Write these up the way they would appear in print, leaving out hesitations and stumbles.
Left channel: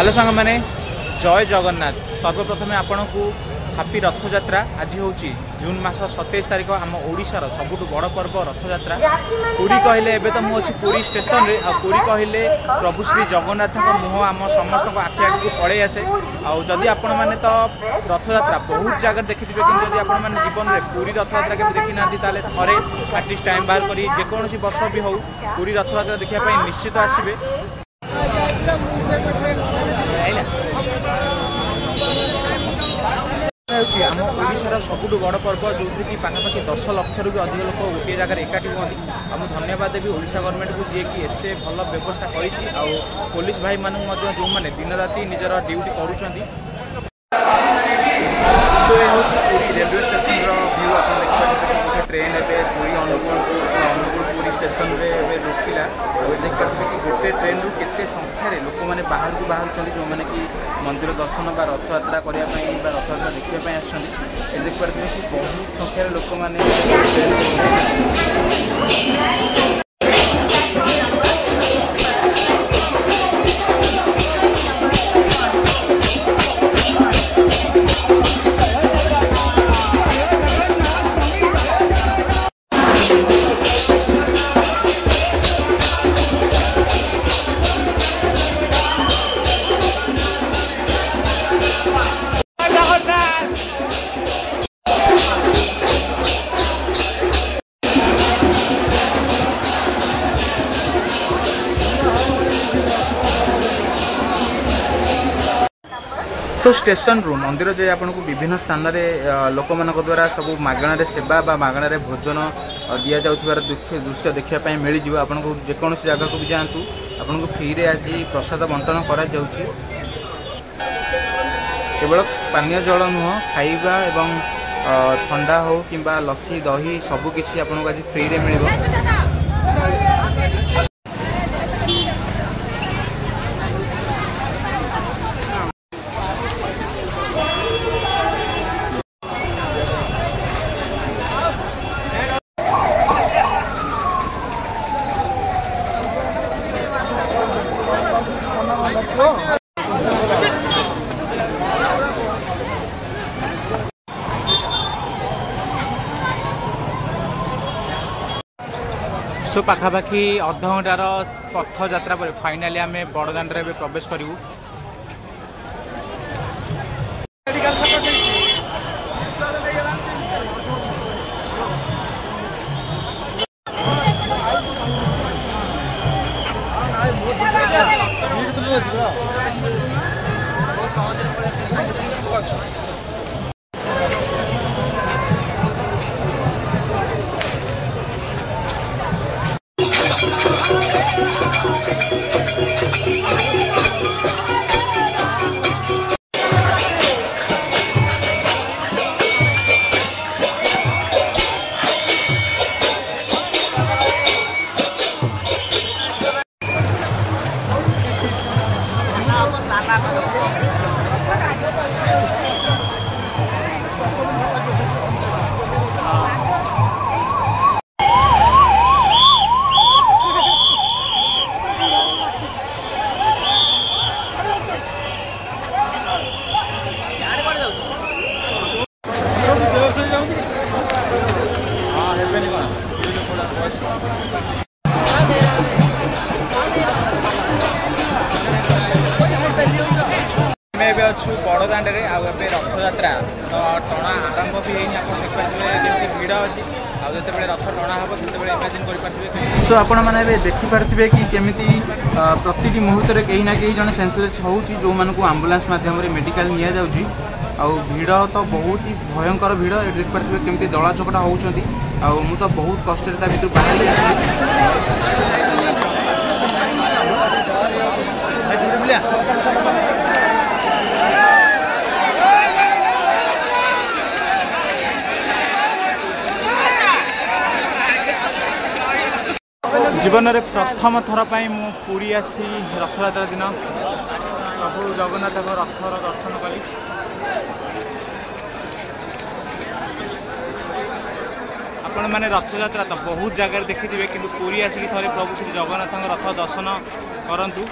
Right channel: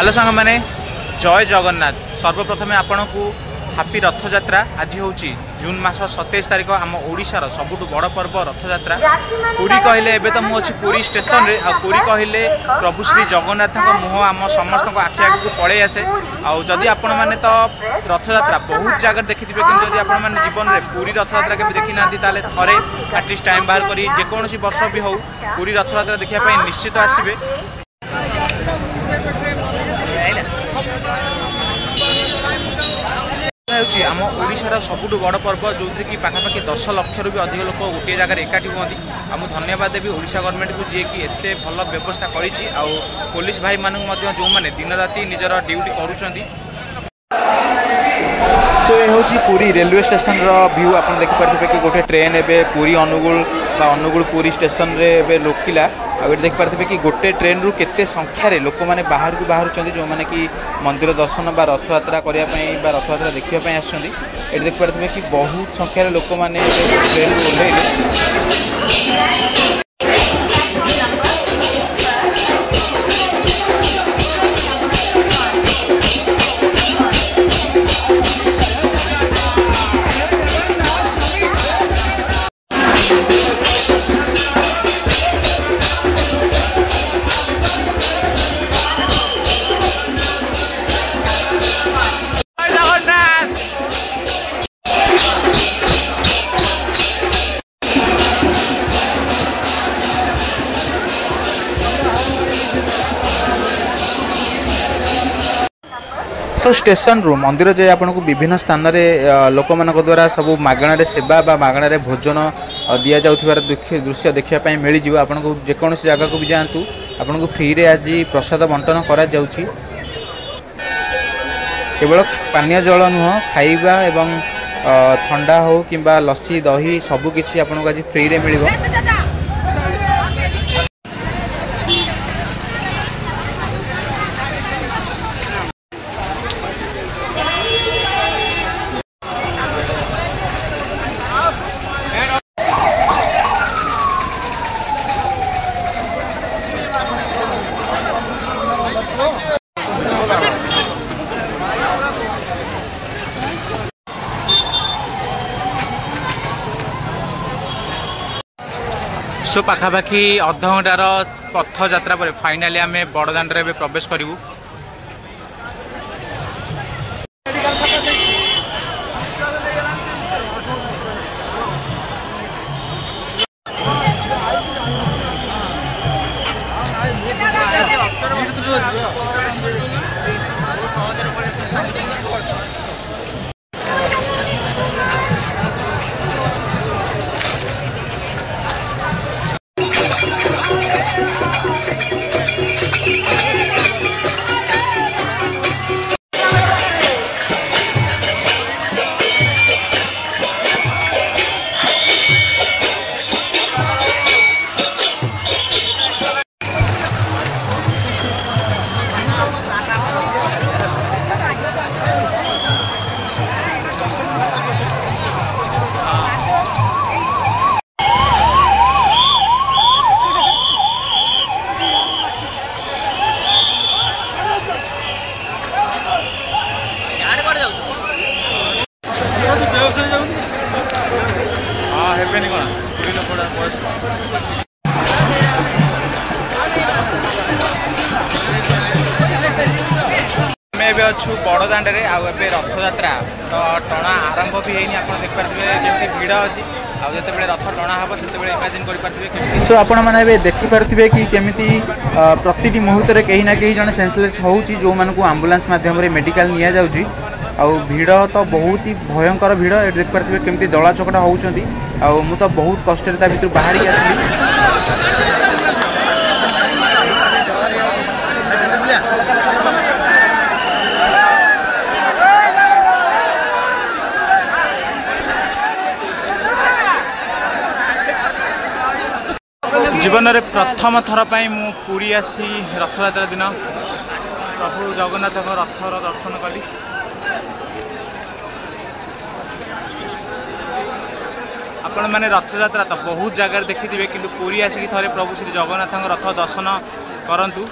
Hello सांग मैंने जय जगन्नाथ। सर्वप्रथमे आपण को हापी रथयात्रा। आज हूँ जून मास 27 तारिख आम ओडिशार सबुठ बड़ पर्व रथयात्रा। पुरी कहले एबे तो मुझे पुरी स्टेशन रे आ पुरी कहले प्रभु श्री जगन्नाथ मुह आम समस्त आखि आगे को पड़े आसे। आदि आपण मैंने तो रथयात्रा बहुत जगह देखि कि जदि आपण मैंने जीवन में पुरी रथयात्रा के देखी ना ताले थरे आर्टिस्ट टाइम बाहर करी जेकोसी वर्ष भी हो पुरी रथयात्रा देखा निश्चित आसबे। आम ओडिशार सबुठ बड़ पर्व जो कि पाखापाखि 10 लाख भी अधिक लोक गोटे जगह एकाठी हुई। आम धन्यवाद देवी ओडिशा गवर्नमेंट को जी कि एते भल व्यवस्था करी। पुलिस भाई मानक जो मैंने दिन राति निजर ड्यूटी करुँच। सो ये हूँ पुरी रेलवे स्टेशन व्यू। आप देखिए कि गोटे ट्रेन एवं पुरी अनुगुल अनुगुल पुरी स्टेशन रे रोकिला। आगे देखिए कि गोटे ट्रेन रु केते संख्यार लोक मैंने बाहर को बाहर जो मैंने कि मंदिर दर्शन बा रथयात्रा करने रथयात्रा देखा आसछन्ती। देखिए कि बहुत संख्यार लोक मैंने सो स्टेशन रू मंदिर जे आपन को विभिन्न स्थान रे लोक मान द्वारा सब मागणार सेवा बा मागणार भोजन दि जाउथिबार दृश्य देखा मिल जाव। आपन को जेकोसी जगह को भी जातु आपन को फ्री रे आज प्रसाद बंटन करा जाउछि। केवल पानीय जल नुह खाइबा एवं ठंडा हो किंबा लस्सी दही सबकिछि आपन को आज फ्री रे मिलिबो। सो पाखापाखि अध घंटार पथ यात्रा पर फाइनाली आम बड़दाण्ड रे प्रवेश करूँ। अच्छु बड़दाण्ड रे आबे रथयात्रा तो टणा आरंभ भी है। आप देखिए केमती भिड़ अच्छी आते रथ टणा हम से इमेजिन कर। सो आपण मैंने देखिपे कि केमी प्रति मुहूर्त कहीं ना कहीं जन सेंसलेस होची जो मान को आंबुलांस माध्यम मेडिकल नि जाउची। भिड़ तो बहुत ही भयंकर भिड़। ये देखिपे केमती दला चकटा होउछंती। मु तो बहुत कष्ट भर बाहरी आसली। जीवन में प्रथम थर पर मु पुरी आसी रथयात्रा दिन प्रभु जगन्नाथ रथर दर्शन कली। आपण मैंने रथयात्रा तो बहुत जगह देखिथे कि पुरी आसिक थे प्रभु श्री जगन्नाथ रथ दर्शन करंतु।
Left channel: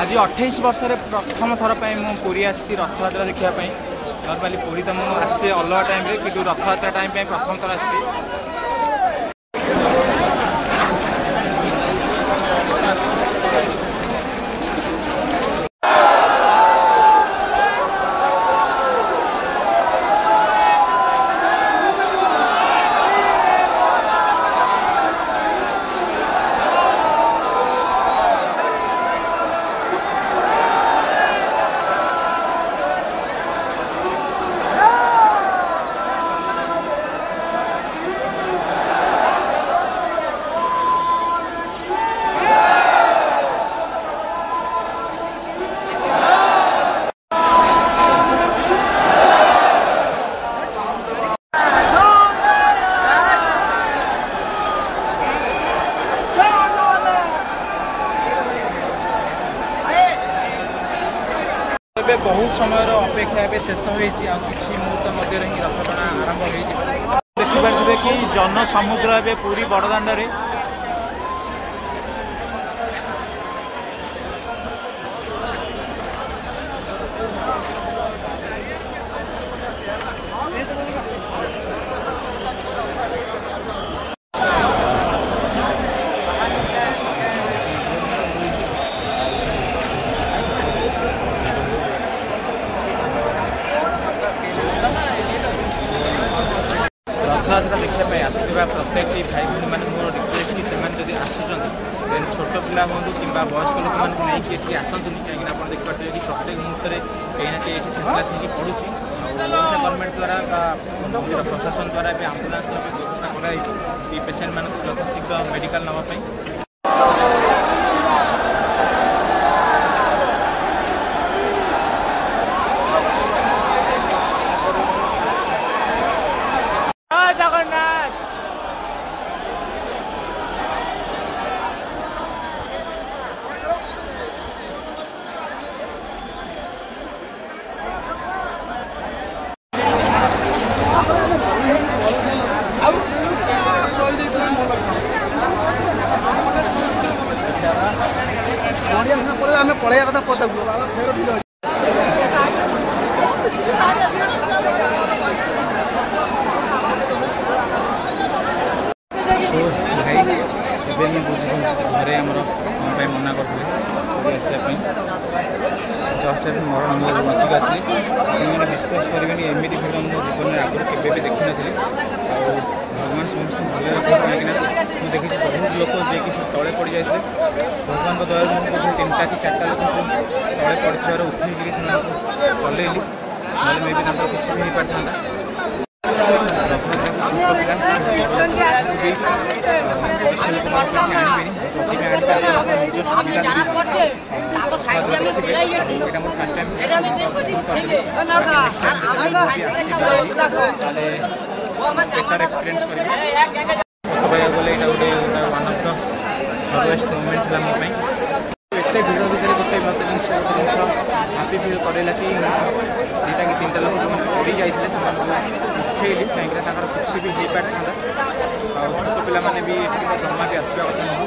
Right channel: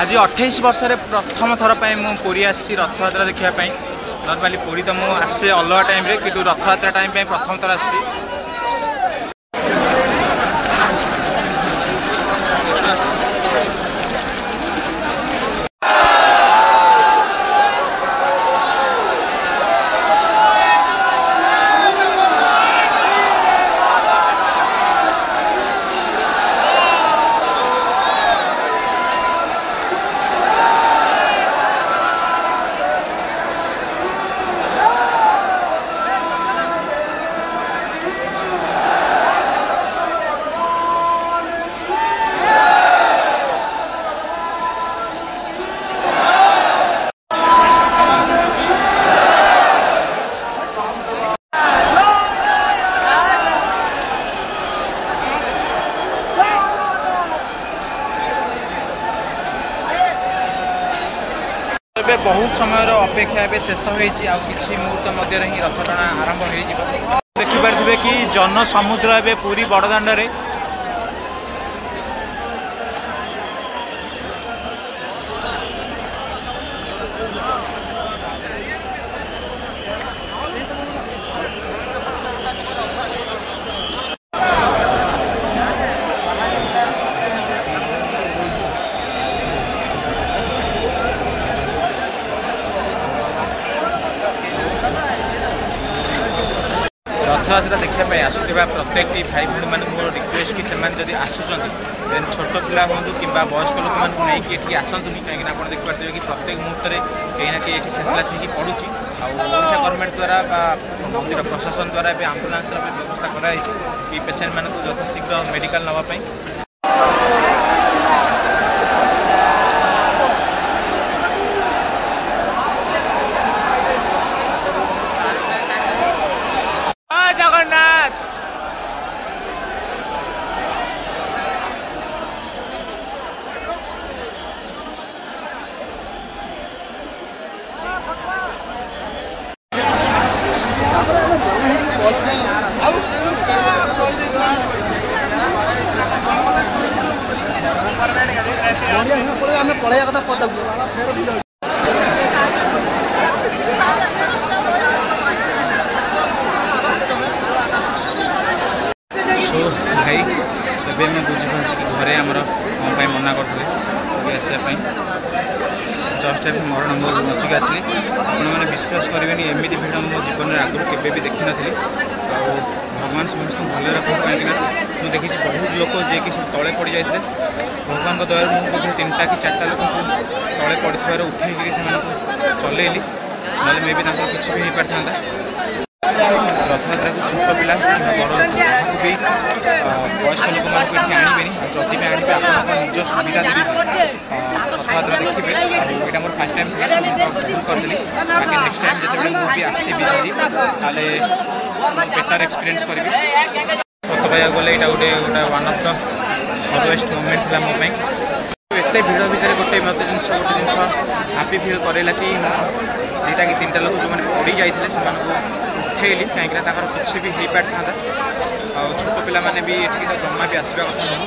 आज 28 वर्ष प्रथम थर मु पुरी आसी रथयात्रा देखापी। नर्माली पुरी तो मुझे आसे अलग टाइम कि रथयात्रा टाइम प्रथम थर आसी। बहुत समय अपेक्षा ए शेष होती मुहूर्त मध्य ही रथ टଣା आरंभ हो देखिपे कि जन समुद्र ए पूरी बड़दाण्ड रे रथयात्रा देखापी आसुवा प्रत्येक भाई भाई मान मोर रिक्वेस्ट कि से आसुँच देन छोट पिला हूँ कि वयस्क लोक मानी आसतुनि कहीं आप देखिए कि प्रत्येक मुहूर्त में कहीं ना कहीं शेषलास हो पड़ू। आशा गवर्नमेंट द्वारा मंदिर प्रशासन द्वारा आम्बुलांस व्यवस्था कराई पेसेंट मानक यथाशीघ्र मेडिकल नापी। जगन्नाथ पढ़ाया कथा पता भाई एवं मैं बुझीपार घरे आमर कौन मना करते आसवाई जस्ट ए मरण मो बचिक आसली आपने विश्वास करेंगे एमती भिड़ मो जीवन में आगुरी केवे भी देखी नी भगवान समस्त भले रखू कहीं मुझे देखी बहुत लोग जे कि तले पड़ जाते भगवान दया मुझे 3टा कि 4टा लोक तले पड़े उठे से चलैली ना मे भी किसी भी हो पार था। रथयात्रा को छोट पिला बड़ लोक भी वयस्क लोक मानक ये आणवे जदि भी आणवे आप निज सुविधा देवी रथयात्रा देखिए। यहाँ मोर फास्ट टाइम था सब भूल करदेली बाकी नेक्स्ट टाइम जिते मुझे आसबि जदि बेटर एक्सपीरियंस करी सत पाइबा गले यहाँ गोटे गोटे वन ऑफ द हरवेस्ट मोमेंट था मोपाई। एत भिड़ भितर गोटे मत गोटे जिन हापी फिल करेला कि 2टा कि 3टा लोक जो पड़ी जाते उठेली कहीं किसी भी हो पार था छोट पिला माने भी ये तो जमा भी आसवा कथा नुह।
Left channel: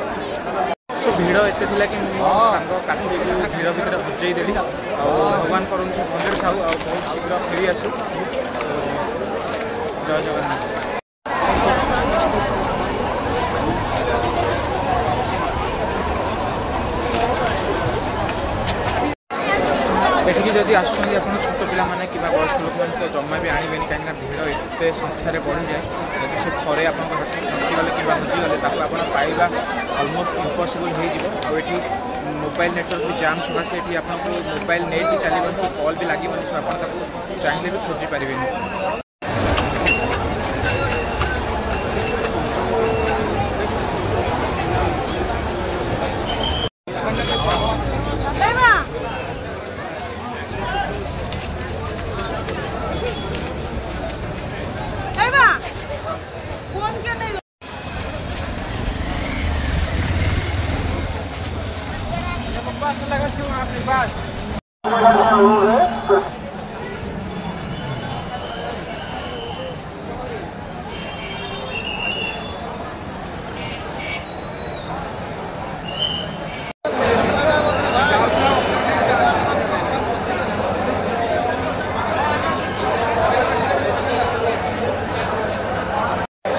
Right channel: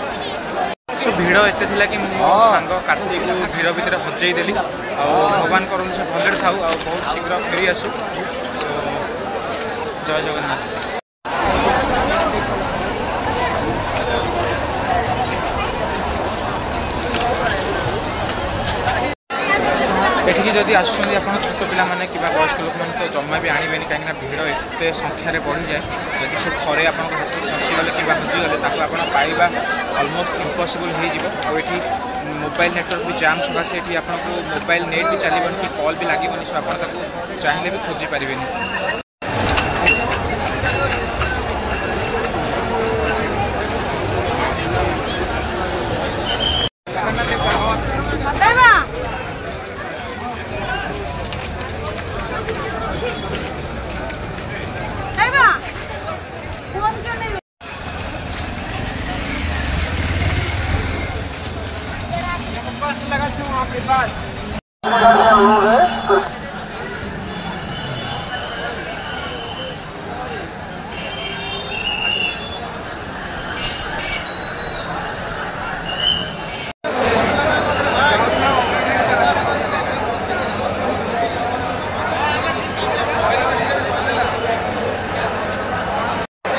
सो भिड़ एत कि मो सांग कार्तिक भिड़ भितर हजेदेली भगवान करूँ से भले था बहुत शीघ्र फेरी आसू। जय जगन्नाथ। एठिकी जदि आसुँच आप छोट पिला माने कि वयस्क लोक मैंने तो जमा भी आणवे कहीं भिड़ एत संख्यार बढ़ी जाए जदि से थे आप हाथ फसीगले कि हजिगले आप पाइबा अलमोस्ट इम्पॉसिबल हो ये मोबाइल नेटवर्क भी जाम सकाशे ये आपको मोबाइल नेट भी चलबन कि कॉल भी लगे सो आप चाहिए भी खोजी पारे।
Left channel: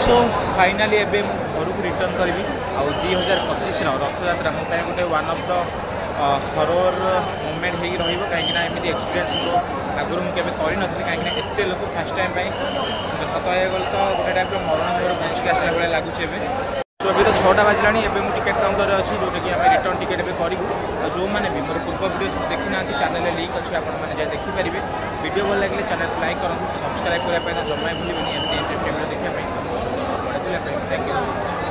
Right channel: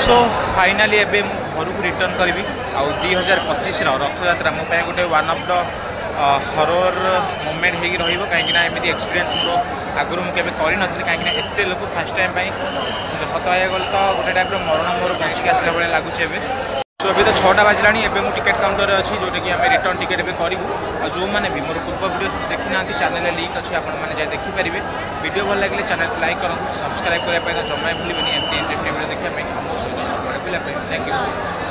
सो फाइनाली एबे मु घर को रिटर्न करी आउ 2025 रथयात्रा मो गोटे one of the horror moment हो कहीं एमती एक्सपीरियंस मोर आगुरी मुझे करी कहीं एत लोक फास्ट टाइम सत गले तो गोटे टाइप मरण मोर बचिक आसला भाई लगुच सो अभी तो 6टा बाजिला एवं टिकेट काउंटर अच्छी जोटा कि आम रिटर्न टिकेट भी करूँ जो मैंने भी मोर पूर्व वीडियो सब देखी ना चैनल लिंक अच्छी आपने जाए देखिपारे वीडियो भल लगे चैनल को लाइक करूँ सब्सक्राइब करने तो जमा भूलें एमती इंटरेस्टिंग वीडियो देखा मो सहित सब बुलाप थैंक यू।